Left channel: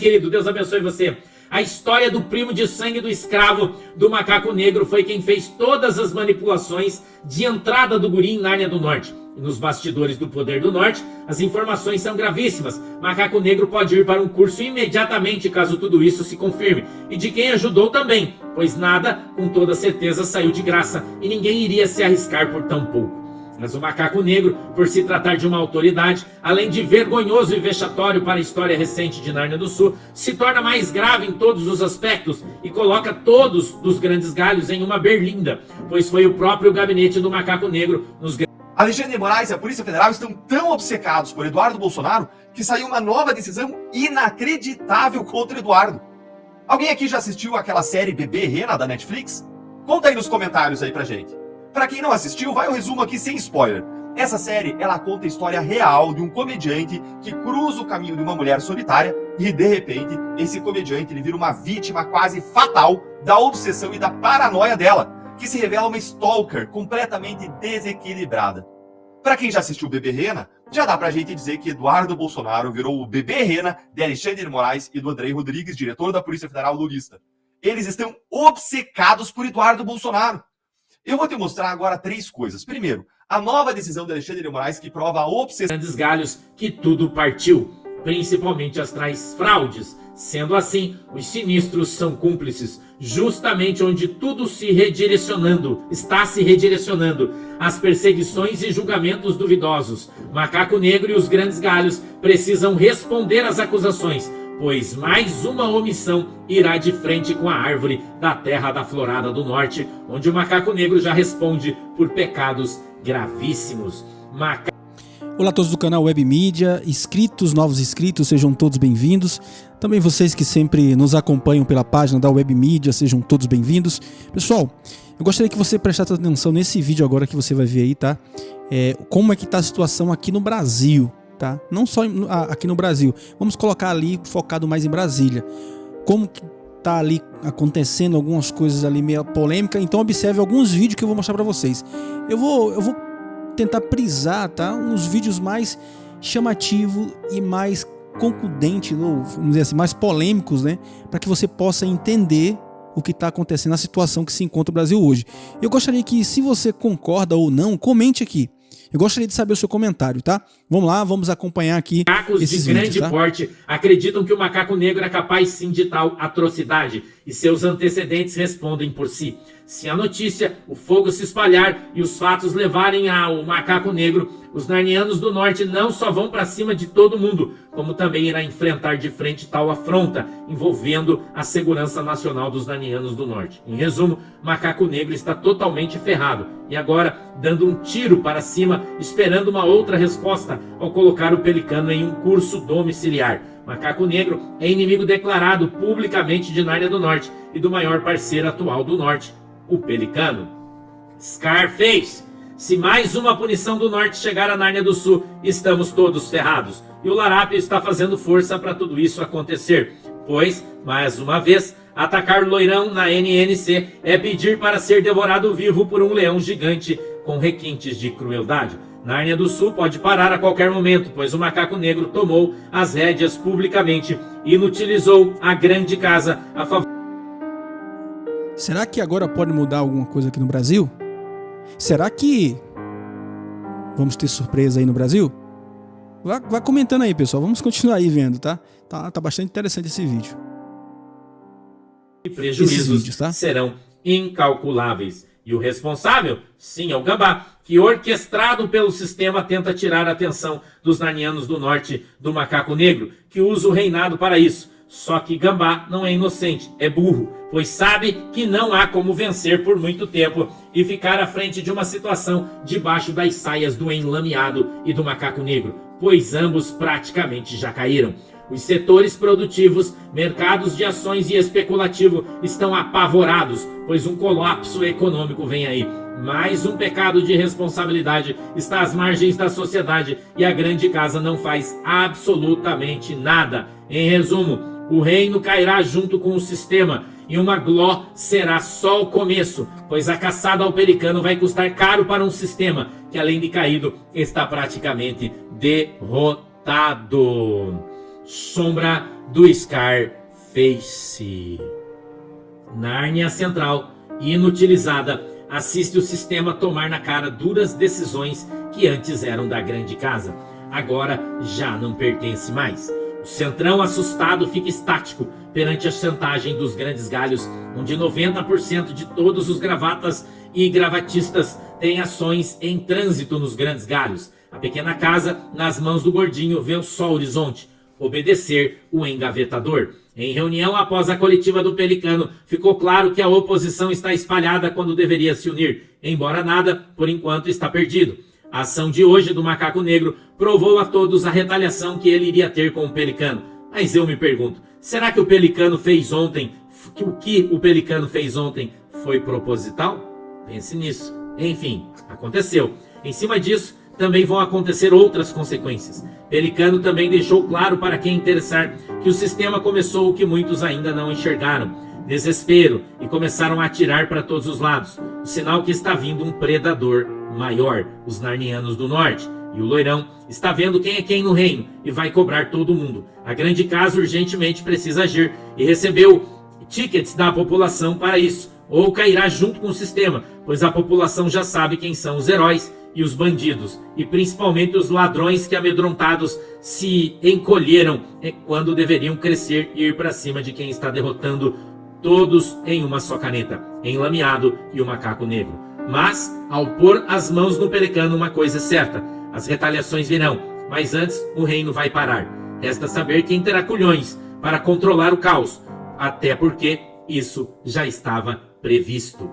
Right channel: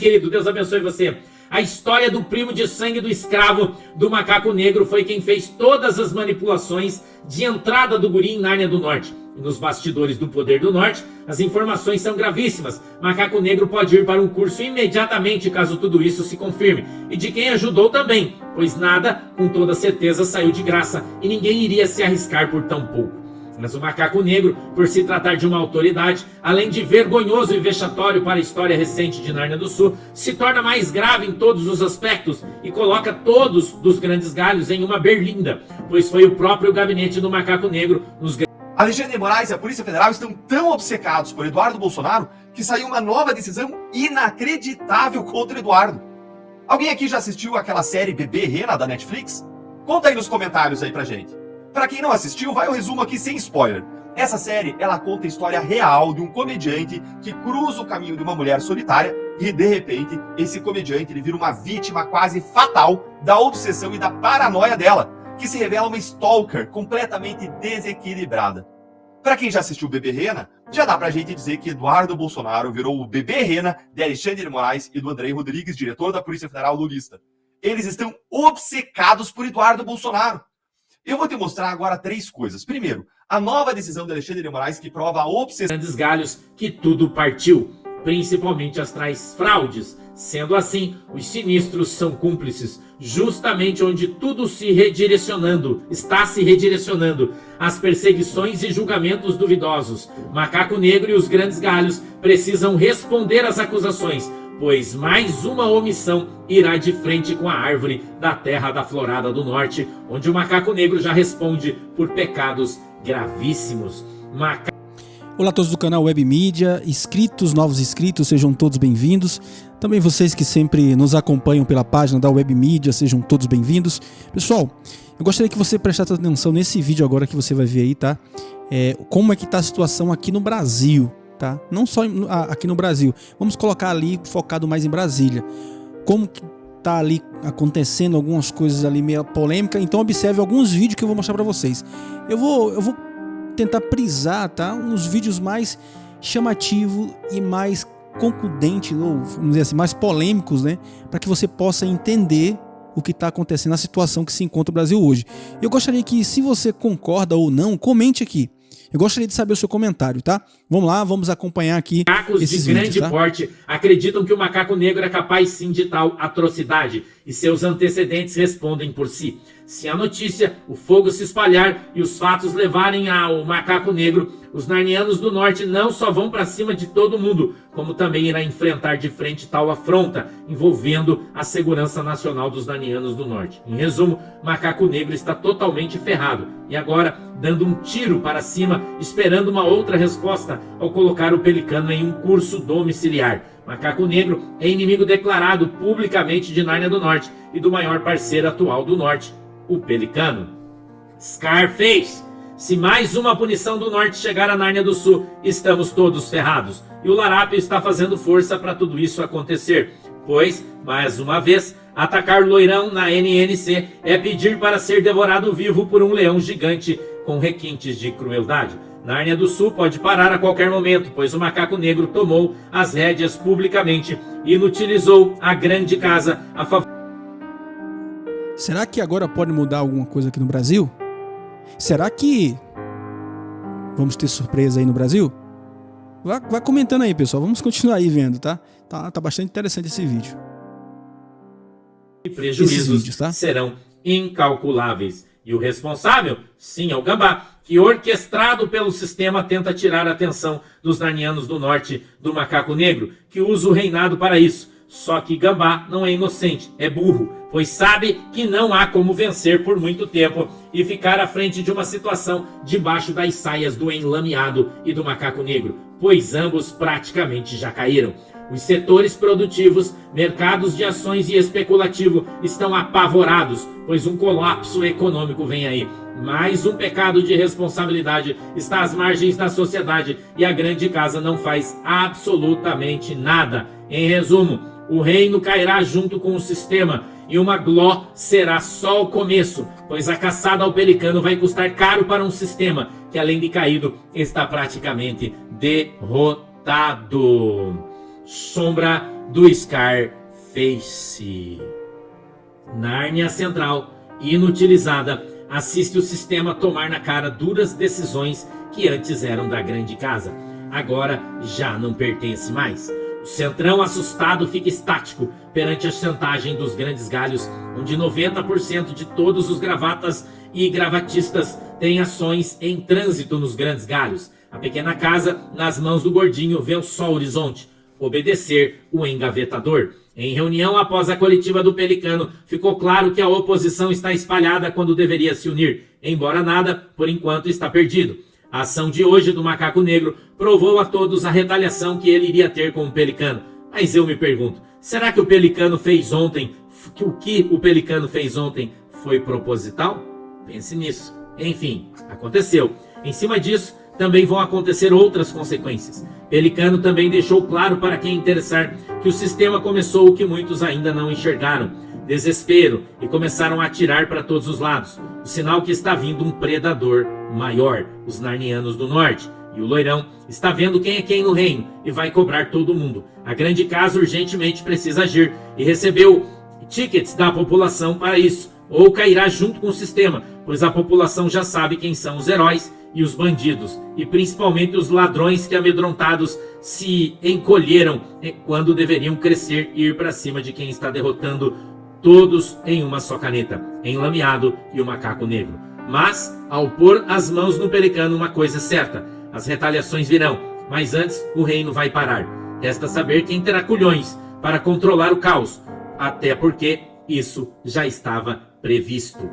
querido, Deus abençoe você. A história do primo de sangue do escravo do macaco negro foi quem fez todas as manipulações de entrada do guri em Nárnia do Norte. E nos bastidores do Poder do Norte, as informações são gravíssimas. Macaco Negro pode ir para um curso imediatamente caso tudo isso se confirme. E de quem ajudou também, pois nada, com toda certeza, saiu de graça e ninguém iria se arriscar por tão pouco. Mas o Macaco Negro, por se tratar de uma autoridade, além de vergonhoso e vexatório para a história recente de Nárnia do Sul, se torna mais grave em todos os aspectos e coloca todos dos grandes galhos em uma berlinda, pois foi o próprio gabinete do Macaco Negro nos... Alexandre de Moraes e a Polícia Federal estão tão obcecados por Eduardo Bolsonaro que saiu uma nova decisão inacreditável contra Eduardo. Alguém aqui já assistiu aquela série Bebê Rena da Netflix? Conta aí nos comentários aí pra gente. Pra quem não assistiu, vai o resumo aqui sem spoiler. Essa série, ela conta a história real de um comediante que cruza o caminho de uma mulher solitária e, de repente, esse comediante ele vira uma vítima quase fatal da obsessão e da paranoia dela, que se revela uma stalker completamente desequilibrada. Pra quem já assistiu Bebê Rena, já dá pra gente dizer que Eduardo Bolsonaro virou o Bebê Rena de Alexandre de Moraes e do Andrei Rodrigues, diretor da Polícia Federal lulista. Eles estão obcecados por Eduardo Bolsonaro. Eu vou te mostrar agora 3 coisas. Primeiro, a nova decisão de Alexandre de Moraes que prova a obsessão... grandes galhos que tudo partiu, principalmente as tais fraudes. Sendo assim, os sinistros são cúmplices, justamente onde tudo está se redirecionando, as perseguições e julgamentos duvidosos. Macaco Negro e os grandes galhos precisam responder às acusações, pois mais uma omissão irá de frente com a árvore da terra da Florada do Norte, onde o Macaco Negro já responde por pecados gravíssimos. Olá a todos do canal Web Mídia, novos inscritos, sejam todos bem-vindos. Também vocês que sempre nos acompanham pela página da Web Mídia, sejam todos bem-vindos. Pessoal, eu gostaria que você prestasse atenção nesse vídeo agora que você vai ver aí, tá? Como é que tá a situação aqui no Brasil, tá? Não só aqui no Brasil, vamos colocar ali focado mais em Brasília. Como que tá ali acontecendo algumas coisas ali meio polêmica, então observe alguns vídeos que eu vou mostrar para vocês. Eu vou tentar prisar, tá, uns vídeos mais chamativos e mais concludentes, ou vamos dizer assim, mais polêmicos, né, para que você possa entender o que está acontecendo, a situação que se encontra o Brasil hoje. Eu gostaria que, se você concorda ou não, comente aqui. Eu gostaria de saber o seu comentário, tá? Vamos lá, vamos acompanhar aqui Macacos esses de grande vídeos, tá? porte acreditam que o Macaco Negro é capaz sim de tal atrocidade e seus antecedentes respondem por si. Se a notícia, o fogo se espalhar e os fatos levarem ao Macaco Negro, os narnianos do Norte não só vão para cima de todo mundo, como também irá enfrentar de frente tal afronta, envolvendo a segurança nacional dos narnianos do Norte. Em resumo, Macaco Negro está totalmente ferrado e agora dando um tiro para cima, esperando uma outra resposta ao colocar o Pelicano em um curso domiciliar. Macaco Negro é inimigo declarado publicamente de Nárnia do Norte e do maior parceiro atual do Norte, o Pelicano. Scarface. Se mais uma punição do Norte chegar a Nárnia do Sul, estamos todos ferrados. E o Larápio está fazendo força para tudo isso acontecer. Pois, mais uma vez, atacar Loirão na NNC é pedir para ser devorado vivo por um leão gigante com requintes de crueldade. Nárnia do Sul pode parar a qualquer momento, pois o Macaco Negro tomou as rédeas publicamente e inutilizou a grande casa a favor... Será que agora pode mudar alguma coisa aqui no Brasil? Será que vamos ter surpresa aí no Brasil? Vai comentando aí, pessoal. Vamos continuar aí vendo, tá? Tá bastante interessante esse vídeo. E prejuízos serão incalculáveis. E o responsável, sim, é o Gambá, que orquestrado pelo sistema tenta tirar a atenção dos narnianos do Norte do Macaco Negro, que usa o reinado para isso. Só que Gambá não é inocente, é burro, pois sabe que não há como vencer por muito tempo e ficar à frente de uma situação debaixo das saias do enlameado e do Macaco Negro, pois ambos praticamente já caíram. Os setores produtivos, mercados de ações e especulativo estão apavorados, pois um colapso econômico vem aí. Mais um pecado de responsabilidade está às margens da sociedade e a grande casa não faz absolutamente nada. Em resumo, o reino cairá junto com o sistema e uma gló será só o começo, pois a caçada ao Pelicano vai custar caro para um sistema que, além de caído, está praticamente derrotado. Sombra do Scarface. Nárnia Central, inutilizada, assiste o sistema tomar na cara duras decisões que antes eram da grande casa. Agora já não pertence mais. O Centrão assustado fica estático perante a chantagem dos grandes galhos, onde 90% de todos os gravatas e gravatistas têm ações em trânsito nos grandes galhos. A pequena casa, nas mãos do gordinho, vê o sol horizonte. Obedecer o engavetador. Em reunião após a coletiva do Pelicano, ficou claro que a oposição está espalhada quando deveria se unir, embora nada, por enquanto, está perdido. A ação de hoje do Macaco Negro provou a todos a retaliação que ele iria ter com o Pelicano. Mas eu me pergunto, será que o Pelicano fez ontem, o que o Pelicano fez ontem foi proposital? Pense nisso. Enfim, aconteceu. Em cima disso, também vão acontecer outras consequências. Pelicano também deixou claro para quem interessar que o sistema começou o que muitos ainda não enxergaram: desespero, e começaram a atirar para todos os lados. O sinal que está vindo um predador maior, os Narnianos do Norte. E o Loirão está vendo quem é quem no reino e vai cobrar todo mundo. A grande casa urgentemente precisa agir e recebeu tickets da população para isso, ou cairá junto com o sistema, pois a população já sabe quem são os heróis e os bandidos, e principalmente os ladrões que amedrontados se encolheram quando deveriam crescer e ir para cima de quem está derrotando todos em uma só caneta, Enlameado e o Macaco Negro. Mas, ao pôr as mãos no Pelicano, uma coisa é certa: as retaliações virão, mas antes o reino vai parar. Resta saber quem terá culhões para controlar o caos, até porque isso já estava previsto.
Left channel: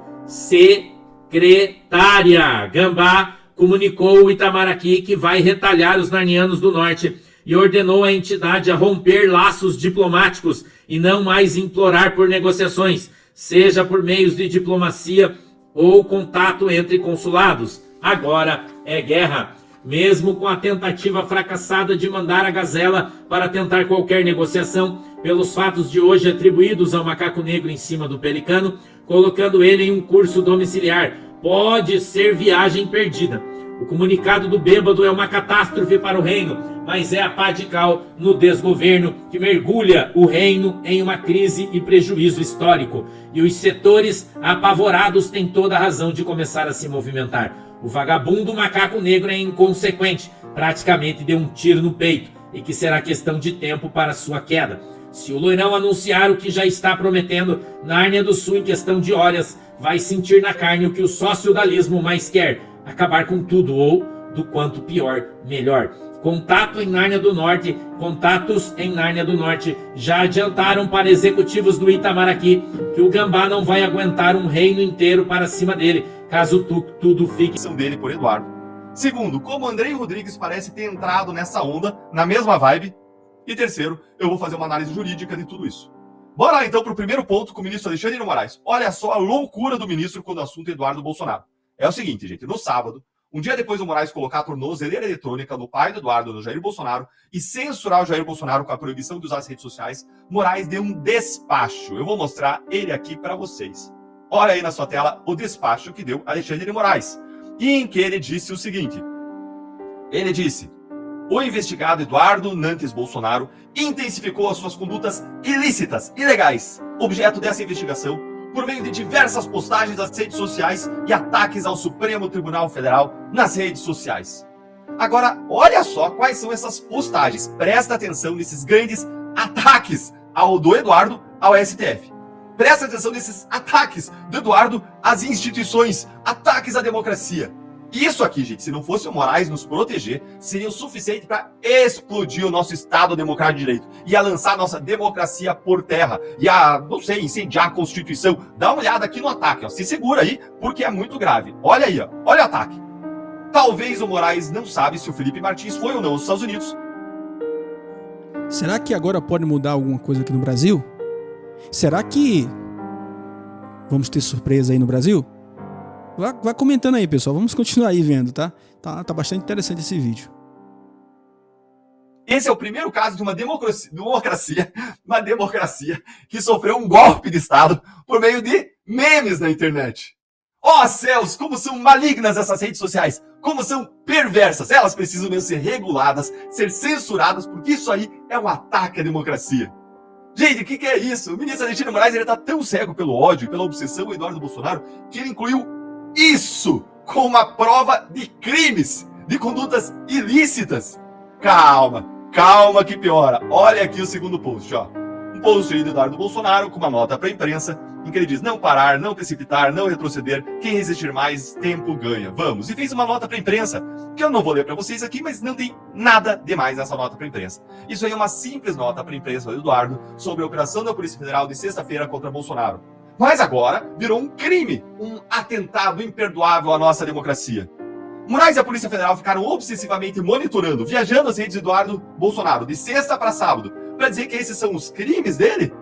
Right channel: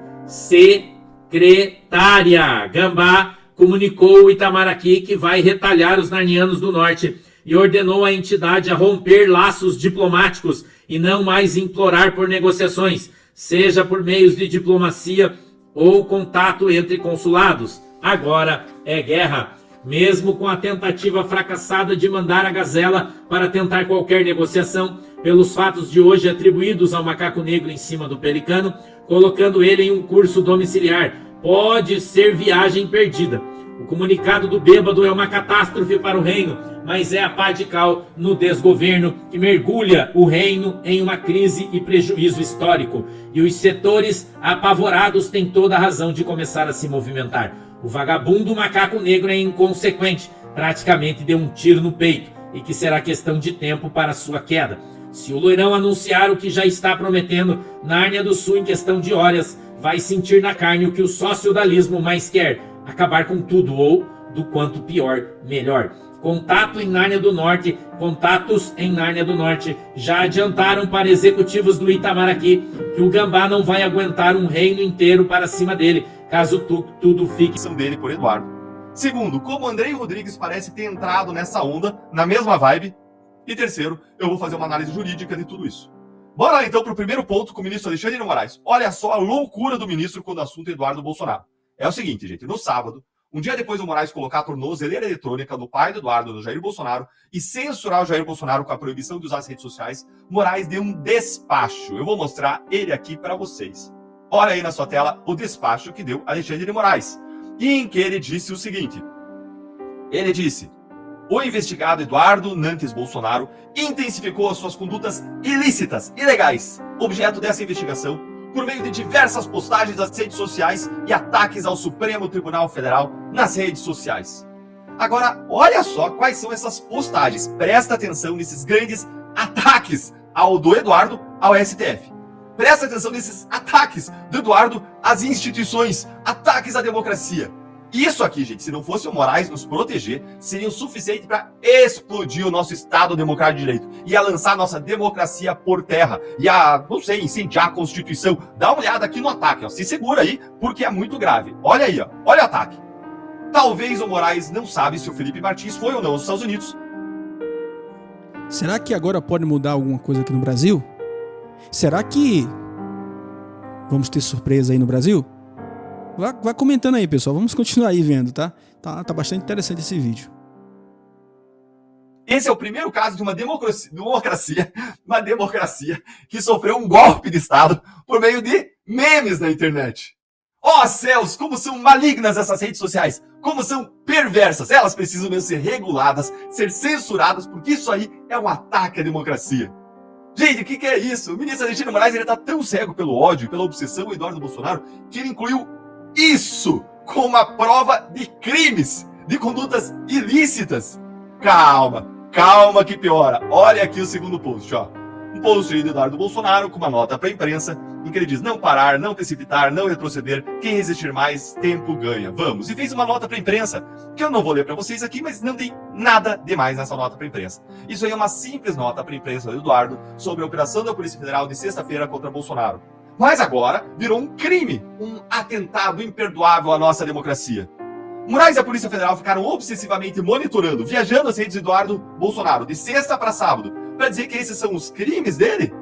Secretária Gambá comunicou o Itamaraty que vai retalhar os Narnianos do Norte e ordenou a entidade a romper laços diplomáticos e não mais implorar por negociações, seja por meios de diplomacia ou contato entre consulados. Agora é guerra. Mesmo com a tentativa fracassada de mandar a Gazela para tentar qualquer negociação, pelos fatos de hoje atribuídos ao Macaco Negro em cima do Pelicano, colocando ele em um curso domiciliar, pode ser viagem perdida. O comunicado do bêbado é uma catástrofe para o reino, mas é a pá de cal no desgoverno que mergulha o reino em uma crise e prejuízo histórico. E os setores apavorados têm toda a razão de começar a se movimentar. O vagabundo Macaco Negro é inconsequente, praticamente deu um tiro no peito, e que será questão de tempo para sua queda. Se o Loirão anunciar o que já está prometendo, Nárnia do Sul, em questão de horas, vai sentir na carne o que o sociodalismo mais quer: acabar com tudo, ou, do quanto pior, melhor. Contatos em Nárnia do Norte já adiantaram para executivos do Itamaraty que o Gambá não vai aguentar um reino inteiro para cima dele, caso tudo fique dele por Eduardo. Segundo, como Andrei Rodrigues parece ter entrado nessa onda, na mesma vibe. E terceiro, eu vou fazer uma análise jurídica de tudo isso. Bora lá então para o primeiro ponto com o ministro Alexandre de Moraes. Olha só a loucura do ministro quando o assunto é Eduardo Bolsonaro. É o seguinte, gente, no sábado, um dia depois do Moraes colocar a tornozeleira eletrônica no pai do Eduardo, do Jair Bolsonaro, e censurar o Jair Bolsonaro com a proibição de usar as redes sociais, Moraes deu um despacho. Eu vou mostrar ele aqui para vocês. Olha aí na sua tela o despacho que deu Alexandre de Moraes, em que ele disse o seguinte. Ele disse: o investigado Eduardo Nantes Bolsonaro intensificou as suas condutas ilícitas, ilegais, objeto dessa investigação, por meio de diversas postagens nas redes sociais e ataques ao Supremo Tribunal Federal nas redes sociais. Agora, olha só quais são essas postagens. Presta atenção nesses grandes ataques do Eduardo ao STF. Presta atenção nesses ataques do Eduardo às instituições, ataques à democracia. Isso aqui, gente, se não fosse o Moraes nos proteger, seria o suficiente para explodir o nosso Estado Democrático de Direito. Ia lançar a nossa democracia por terra. Ia, não sei, incendiar a Constituição. Dá uma olhada aqui no ataque, ó. Se segura aí, porque é muito grave. Olha aí, ó. Olha o ataque. Talvez o Moraes não sabe se o Felipe Martins foi ou não aos Estados Unidos. Será que agora pode mudar alguma coisa aqui no Brasil? Será que vamos ter surpresa aí no Brasil? Vai comentando aí, pessoal. Vamos continuar aí vendo, tá? Tá bastante interessante esse vídeo. Esse é o primeiro caso de uma democracia que sofreu um golpe de Estado por meio de memes na internet. Ó céus, como são malignas essas redes sociais, como são perversas. Elas precisam mesmo ser reguladas, ser censuradas, porque isso aí é um ataque à democracia. Gente, o que é isso? O ministro Alexandre de Moraes, ele tá tão cego pelo ódio e pela obsessão do Eduardo Bolsonaro que ele incluiu isso como uma prova de crimes, de condutas ilícitas. Calma, calma que piora. Olha aqui o segundo post, ó. Um post aí do Eduardo Bolsonaro com uma nota para a imprensa em que ele diz: não parar, não precipitar, não retroceder, quem resistir mais, tempo ganha. Vamos. E fez uma nota para a imprensa, que eu não vou ler para vocês aqui, mas não tem nada demais nessa nota para a imprensa. Isso aí é uma simples nota para a imprensa do Eduardo sobre a operação da Polícia Federal de sexta-feira contra Bolsonaro. Mas agora virou um crime, um atentado imperdoável à nossa democracia. Moraes e a Polícia Federal ficaram obsessivamente monitorando, viajando as redes de Eduardo Bolsonaro de sexta para sábado, para dizer que esses são os crimes dele?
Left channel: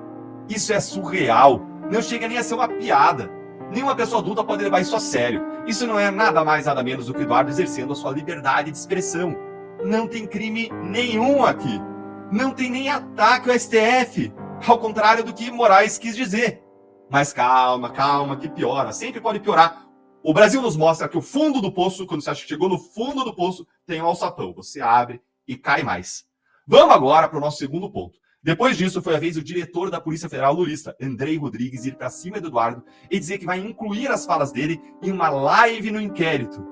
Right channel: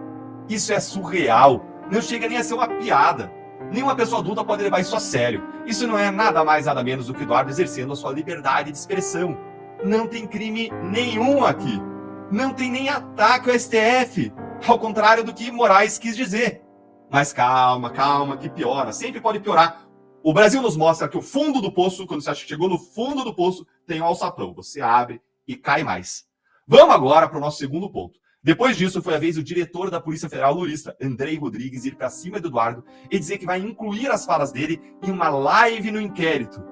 Isso é surreal. Não chega nem a ser uma piada. Nenhuma pessoa adulta pode levar isso a sério. Isso não é nada mais, nada menos do que Eduardo exercendo a sua liberdade de expressão. Não tem crime nenhum aqui. Não tem nem ataque ao STF. Ao contrário do que Moraes quis dizer. Mas calma, calma, que piora. Sempre pode piorar. O Brasil nos mostra que o fundo do poço, quando você acha que chegou no fundo do poço, tem um alçapão. Você abre e cai mais. Vamos agora para o nosso segundo ponto. Depois disso, foi a vez do diretor da Polícia Federal lulista, Andrei Rodrigues, ir para cima do Eduardo e dizer que vai incluir as falas dele em uma live no inquérito.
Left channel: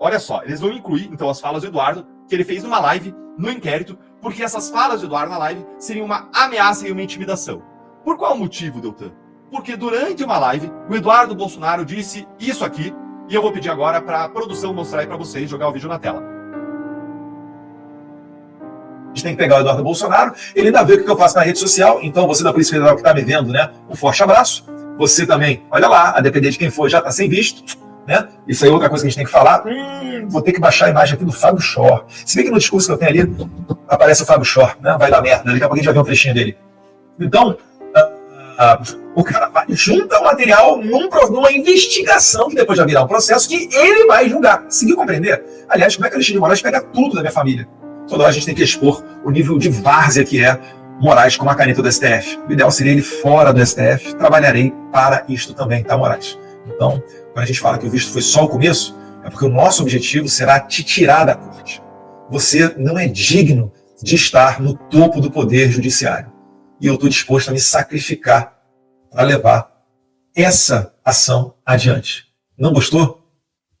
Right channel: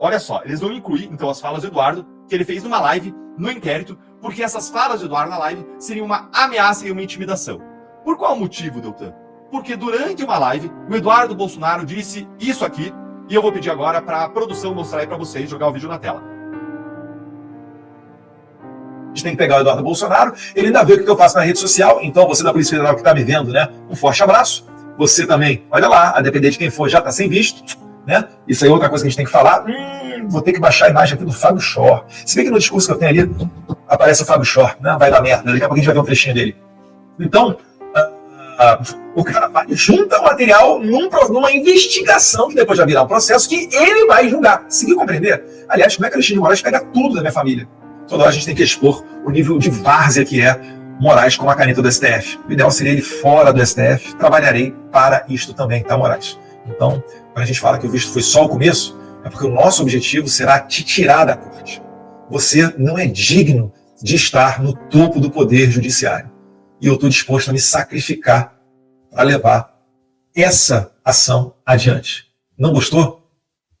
Olha só, eles vão incluir, então, as falas do Eduardo, que ele fez numa live no inquérito, porque essas falas do Eduardo na live seriam uma ameaça e uma intimidação. Por qual motivo, Deltan? Porque durante uma live, o Eduardo Bolsonaro disse isso aqui, e eu vou pedir agora para a produção mostrar aí para vocês, jogar o vídeo na tela. A gente tem que pegar o Eduardo Bolsonaro, ele ainda vê o que eu faço na rede social, então você da Polícia Federal que está me vendo, né, um forte abraço. Você também, olha lá, a depender de quem for, já está sem visto, né? Isso aí é outra coisa que a gente tem que falar. Vou ter que baixar a imagem aqui do Fábio Shor. Se bem que no discurso que eu tenho ali, aparece o Fábio Shor, né? Vai dar merda, daqui a pouco a gente vai ver um trechinho dele. Então, o cara junta o material numa investigação que depois vai virar um processo que ele vai julgar. Conseguiu compreender? Aliás, como é que o Alexandre de Moraes pega tudo da minha família? Toda hora a gente tem que expor o nível de várzea que é Moraes com a caneta do STF. O ideal seria ele fora do STF. Trabalharei para isto também, tá, Moraes? Então, quando a gente fala que o visto foi só o começo, é porque o nosso objetivo será te tirar da corte. Você não é digno de estar no topo do poder judiciário. E eu estou disposto a me sacrificar para levar essa ação adiante. Não gostou?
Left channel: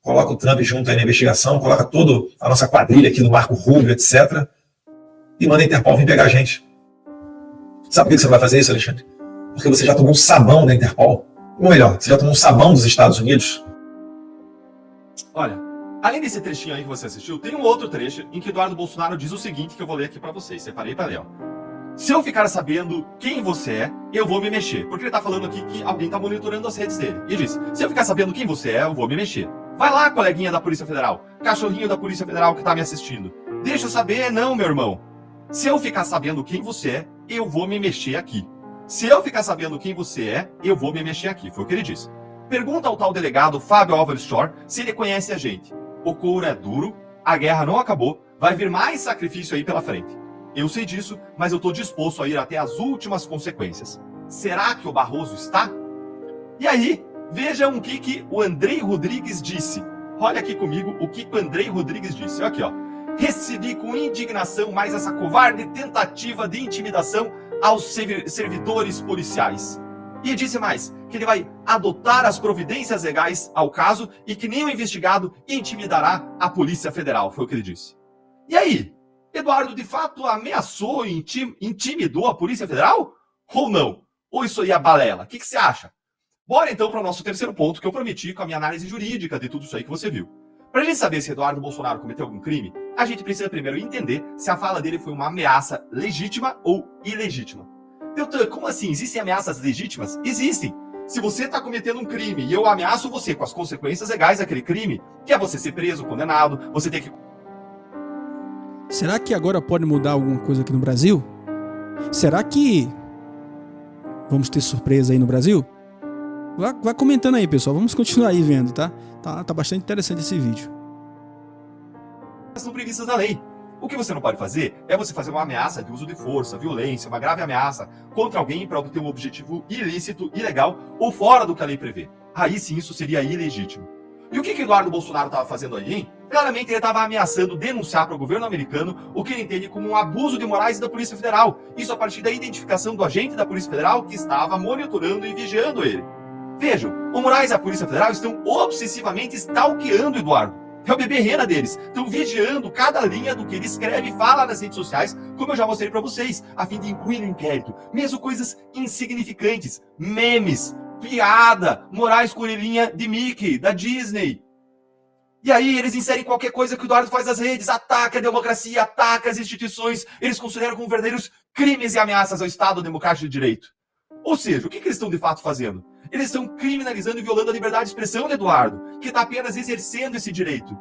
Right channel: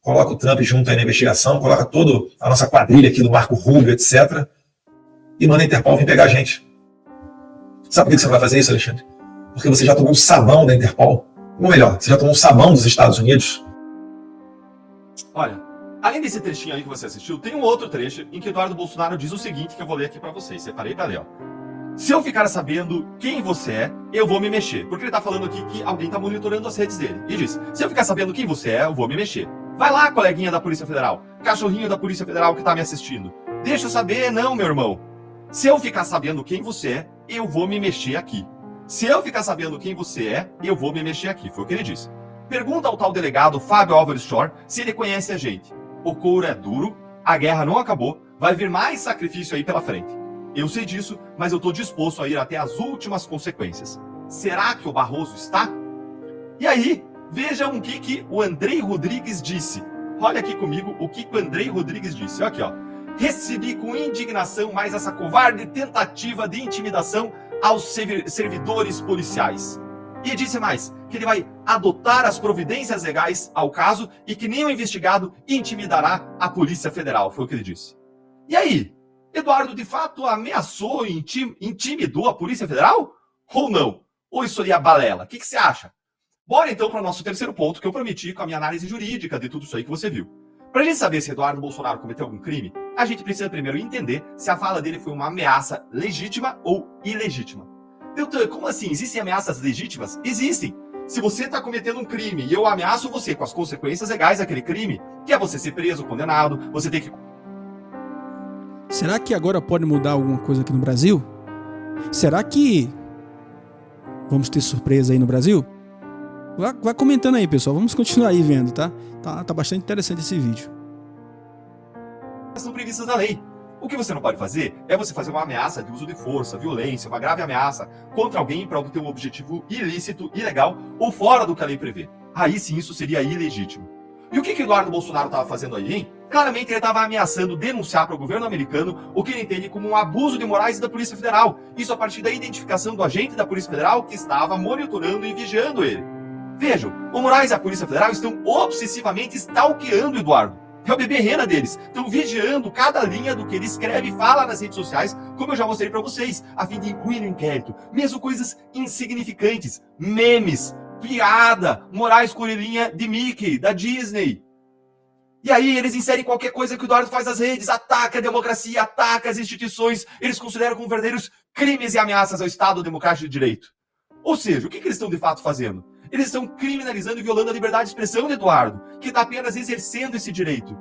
Coloca o Trump junto aí na investigação, coloca toda a nossa quadrilha aqui do Marco Rubio, etc. E manda a Interpol vir pegar a gente. Sabe por que você não vai fazer isso, Alexandre? Porque você já tomou um sabão da Interpol. Ou melhor, você já tomou um sabão dos Estados Unidos. Olha, além desse trechinho aí que você assistiu, tem um outro trecho em que Eduardo Bolsonaro diz o seguinte que eu vou ler aqui para vocês. Separei para ler, ó. Se eu ficar sabendo quem você é, eu vou me mexer. Porque ele tá falando aqui que alguém tá monitorando as redes dele. E diz, se eu ficar sabendo quem você é, eu vou me mexer. Vai lá, coleguinha da Polícia Federal. Cachorrinho da Polícia Federal que tá me assistindo. Deixa eu saber, não, meu irmão. Se eu ficar sabendo quem você é, eu vou me mexer aqui. Se eu ficar sabendo quem você é, eu vou me mexer aqui. Foi o que ele disse. Pergunta ao tal delegado Fábio Álvares Shor se ele conhece a gente. O couro é duro, a guerra não acabou, vai vir mais sacrifício aí pela frente. Eu sei disso, mas eu tô disposto a ir até as últimas consequências. Será que o Barroso está? E aí, vejam o que o Andrei Rodrigues disse. Olha aqui comigo o que o Andrei Rodrigues disse. Olha aqui, ó. Recebi com indignação mais essa covarde tentativa de intimidação aos servidores policiais. E disse mais, que ele vai adotar as providências legais ao caso e que nenhum investigado intimidará a Polícia Federal. Foi o que ele disse. E aí, Eduardo de fato ameaçou e intimidou a Polícia Federal? Ou não? Ou isso aí é balela? O que você acha? Bora então para o nosso terceiro ponto que eu prometi com a minha análise jurídica de tudo isso aí que você viu. Para a gente saber se Eduardo Bolsonaro cometeu algum crime, a gente precisa primeiro entender se a fala dele foi uma ameaça legítima ou ilegítima. Deltan, como assim? Existem ameaças legítimas? Existem. Se você está cometendo um crime e eu ameaço você com as consequências legais daquele crime, que é você ser preso, condenado, você ter que... Será que agora pode mudar alguma coisa aqui no Brasil? Será que vamos ter surpresa aí no Brasil? Vai comentando aí, pessoal. Vamos continuar aí vendo, tá? Tá bastante interessante esse vídeo. São previstas na lei. O que você não pode fazer é você fazer uma ameaça de uso de força, violência, uma grave ameaça contra alguém para obter um objetivo ilícito, ilegal ou fora do que a lei prevê. Aí sim isso seria ilegítimo. E o que Eduardo Bolsonaro estava fazendo aí, hein? Claramente ele estava ameaçando denunciar para o governo americano o que ele entende como um abuso de morais da Polícia Federal. Isso a partir da identificação do agente da Polícia Federal que estava monitorando e vigiando ele. Vejam, o Moraes e a Polícia Federal estão obsessivamente stalkeando Eduardo. É o bebê rena deles. Estão vigiando cada linha do que ele escreve e fala nas redes sociais, como eu já mostrei para vocês, a fim de incluir no inquérito. Mesmo coisas insignificantes, memes, piada, Moraes com orelhinha de Mickey, da Disney. E aí eles inserem qualquer coisa que o Eduardo faz nas redes, ataca a democracia, ataca as instituições, eles consideram como verdadeiros crimes e ameaças ao Estado Democrático de Direito. Ou seja, o que eles estão de fato fazendo? Eles estão criminalizando e violando a liberdade de expressão de Eduardo, que está apenas exercendo esse direito.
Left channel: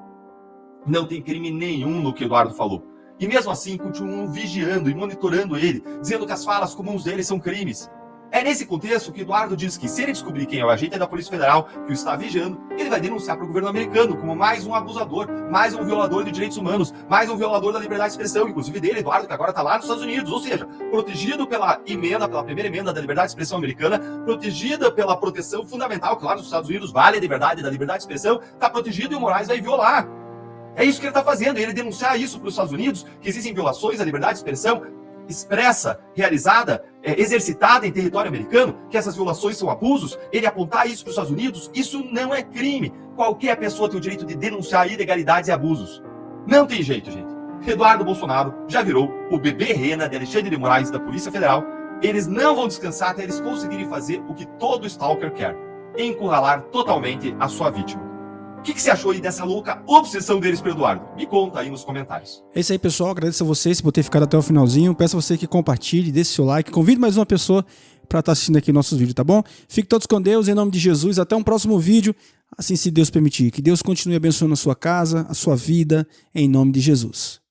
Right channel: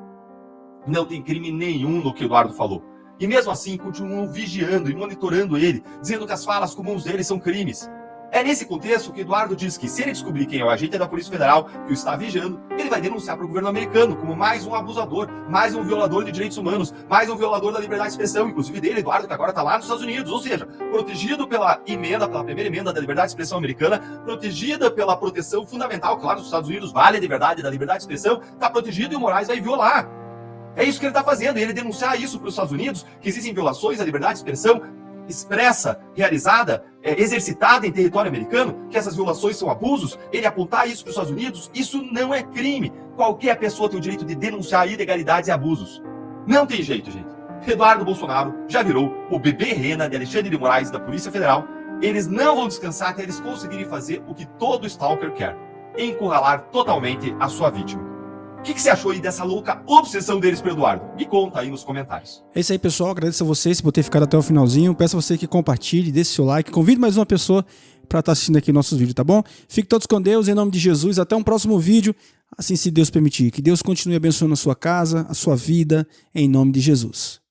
Não tem crime nenhum no que Eduardo falou. E mesmo assim, continuam vigiando e monitorando ele, dizendo que as falas comuns dele são crimes. É nesse contexto que Eduardo diz que se ele descobrir quem é o agente da Polícia Federal que o está vigiando, ele vai denunciar para o governo americano como mais um abusador, mais um violador de direitos humanos, mais um violador da liberdade de expressão, inclusive dele, Eduardo, que agora está lá nos Estados Unidos, ou seja, protegido pela primeira emenda da liberdade de expressão americana, protegida pela proteção fundamental, que lá nos Estados Unidos vale a liberdade da liberdade de expressão, está protegido e o Moraes vai violar. É isso que ele está fazendo, ele denunciar isso para os Estados Unidos, que existem violações à liberdade de expressão expressa, realizada, exercitada em território americano, que essas violações são abusos, ele apontar isso para os Estados Unidos, isso não é crime. Qualquer pessoa tem o direito de denunciar ilegalidades e abusos. Não tem jeito, gente. Eduardo Bolsonaro já virou o bebê rena de Alexandre de Moraes da Polícia Federal. Eles não vão descansar até eles conseguirem fazer o que todo stalker quer: encurralar totalmente a sua vítima. O que você achou aí dessa louca obsessão deles pelo Eduardo? Me conta aí nos comentários. É isso aí, pessoal. Agradeço a vocês por ter ficado até o finalzinho. Peço a você que compartilhe, deixe seu like, convide mais uma pessoa para estar assistindo aqui nossos vídeos, tá bom? Fiquem todos com Deus, em nome de Jesus. Até um próximo vídeo, assim se Deus permitir. Que Deus continue abençoando a sua casa, a sua vida, em nome de Jesus.